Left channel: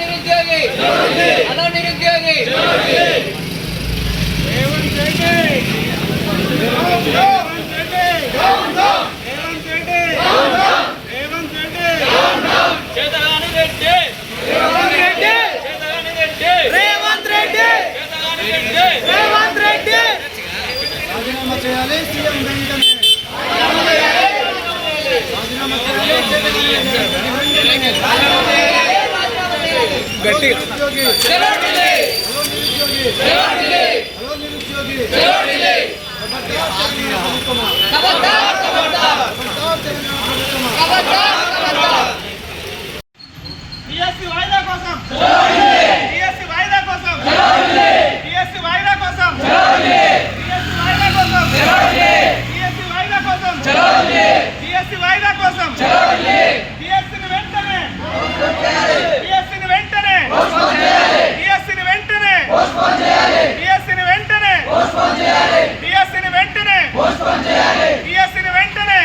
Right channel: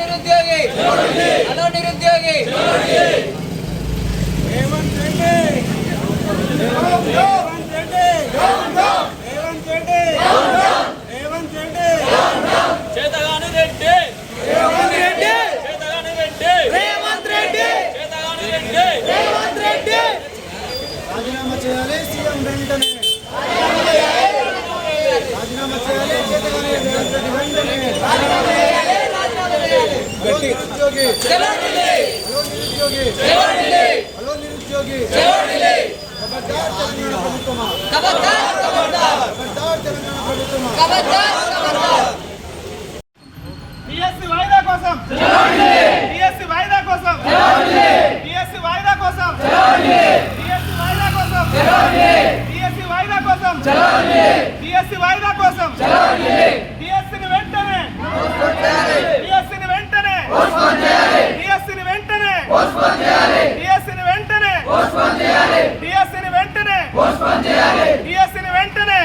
నిరుద్యోగి హలో నిరుద్యోగి రాజీనామా చేయాలి సీఎం వెంటనే. రాజీనామా చేయాలి గట్టి నిరుద్యోగి చలో ఢిల్లీ హలో నిరుద్యోగి చలో ఢిల్లీ హలో నిరుద్యోగి వాయిదా కోసం. డిఎస్సి వాయిదా కోసం. డిఎస్సి వాయిదా కోసం. డిఎస్సి వాయిదా కోసం. డిఎస్సి వాయిదా కోసం. డిఎస్సి వాయిదా కోసం డిఎస్సిని వెంటనే డిఎస్సిని వెంటనే డిఎస్సిని వెంటనే డిఎస్సిని వెంటనే డిఎస్సిని వెంటనే డిఎస్సిని వెంటనే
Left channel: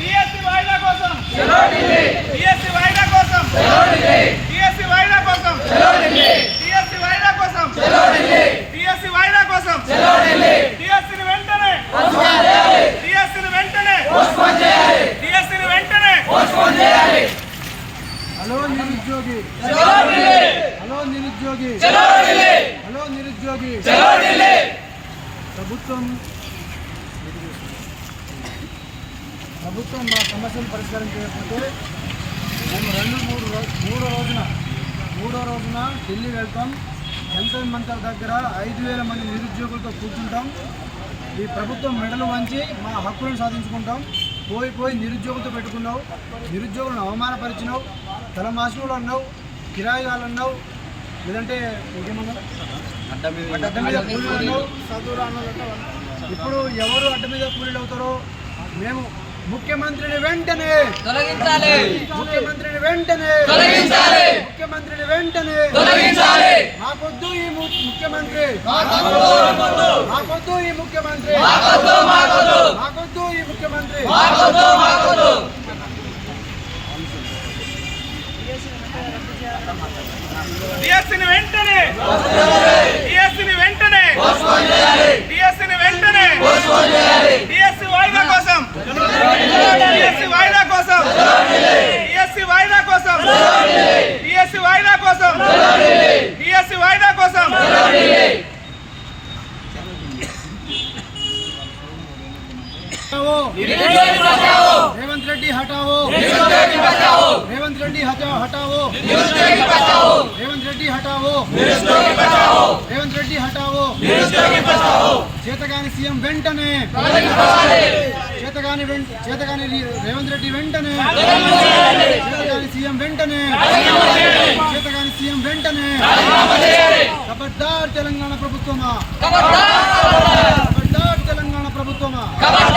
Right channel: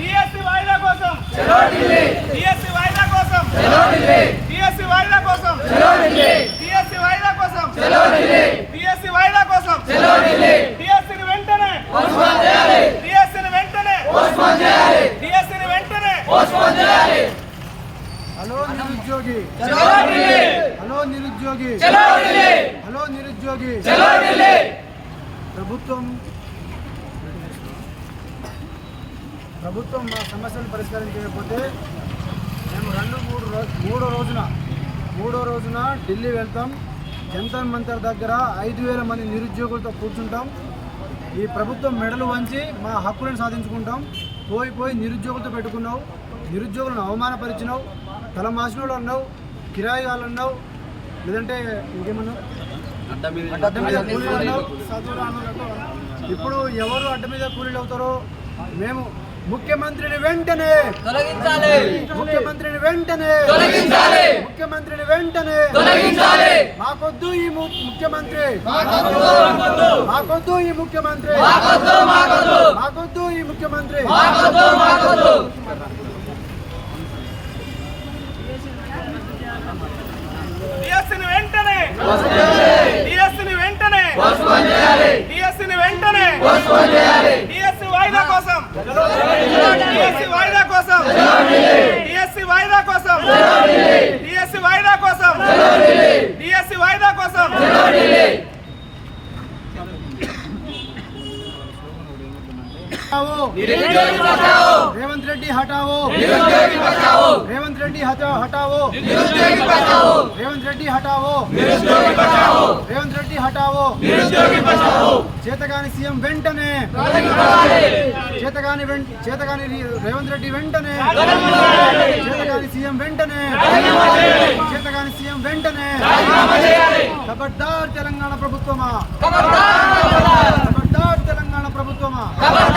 డిఎస్సి వాయిదా కోసం. డిఎస్సి వాయిదా కోసం. డిఎస్సి వాయిదా కోసం. డిఎస్సి వాయిదా కోసం. డిఎస్సి వాయిదా కోసం. డిఎస్సిని వెంటనే డిఎస్సిని వెంటనే డిఎస్సిని వెంటనే నిరుద్యోగి. హలో నిరుద్యోగి. హలో నిరుద్యోగి. ప్రభుత్వం ప్రభుత్వం మా సమస్యలు పరిష్కరించకపోతే మేము రెండు మూడు రోజు మూడో రోజున మూడో రోజున ఢిల్లీ వెళ్తాం. జంతర్ మంతర్ దగ్గర ఐదు వేల మంది నిరుద్యోగులతో కూర్చుంటాం. ఈ ప్రభుత్వం మెడలు వంచి మా హక్కులను సాధించుకుంటాం. పోయి పోయి నిరుద్యోగులతో పెట్టుకున్నావు. నిరుద్యోగులను అవమానపరిచినావు. తలమాసినోళ్ళు అన్నావు కిరాయిగాళ్ళు అన్నావు లేదంటే ఇంకేమన్నావు అడ్డ మీద కూలీలు అన్నావు? ఇప్పుడు ఎవరు అడ్డ మీద కూలీలు అవుతారో మేము ముఖ్యమంత్రిని వెంటనే తొలగించాలి. ముఖ్యమంత్రిని వెంటనే తొలగించాలి. ముఖ్యమంత్రిని వెంటనే తొలగించాలి. మాకొద్దు ఈ ముఖ్యమంత్రి. మాకొద్దు ఈ ముఖ్యమంత్రి. మాకొద్దు ఈ ముఖ్యమంత్రి. మాకొద్దు మాకొద్దు. డిఎస్సిని వెంటనే డిఎస్సిని వెంటనే డిఎస్సిని వెంటనే డిఎస్సి వాయిదా కోసం డిఎస్సి వాయిదా కోసం డిఎస్సి వాయిదా కోసం డిఎస్సి వాయిదా కోసం డిఎస్సి వాయిదా కోసం हटाओ నిరుద్యోగి బచావో रेवंत रेड्डी हटाओ నిరుద్యోగి బచావో रेवंत रेड्डी हटाओ हटाओ నిరుద్యోగి బచావో रेवंत रेड्डी हटाओ నిరుద్యోగి బచావో రేవంత్ రెడ్డి హటావో నిరుద్యోగి బచావో చేతగాని సీఎం వెంటనే తొలగించాలి చేతగాని వెం- చేతగాని రి- రేవంత్ రెడ్డి వెంటనే తొలగించాలి చేతగాని సీఎం వెంటనే రాజీనామా చేయాలి చేతగాని సీఎం వెంటనే రాజీనామా చేయాలి ఖబర్దార్ తెలంగాణ ప్రభుత్వమా ఖబర్దార్ ఖబర్దార్ ఖబర్దార్ తెలంగాణ ప్రభుత్వమా ఖబర్దార్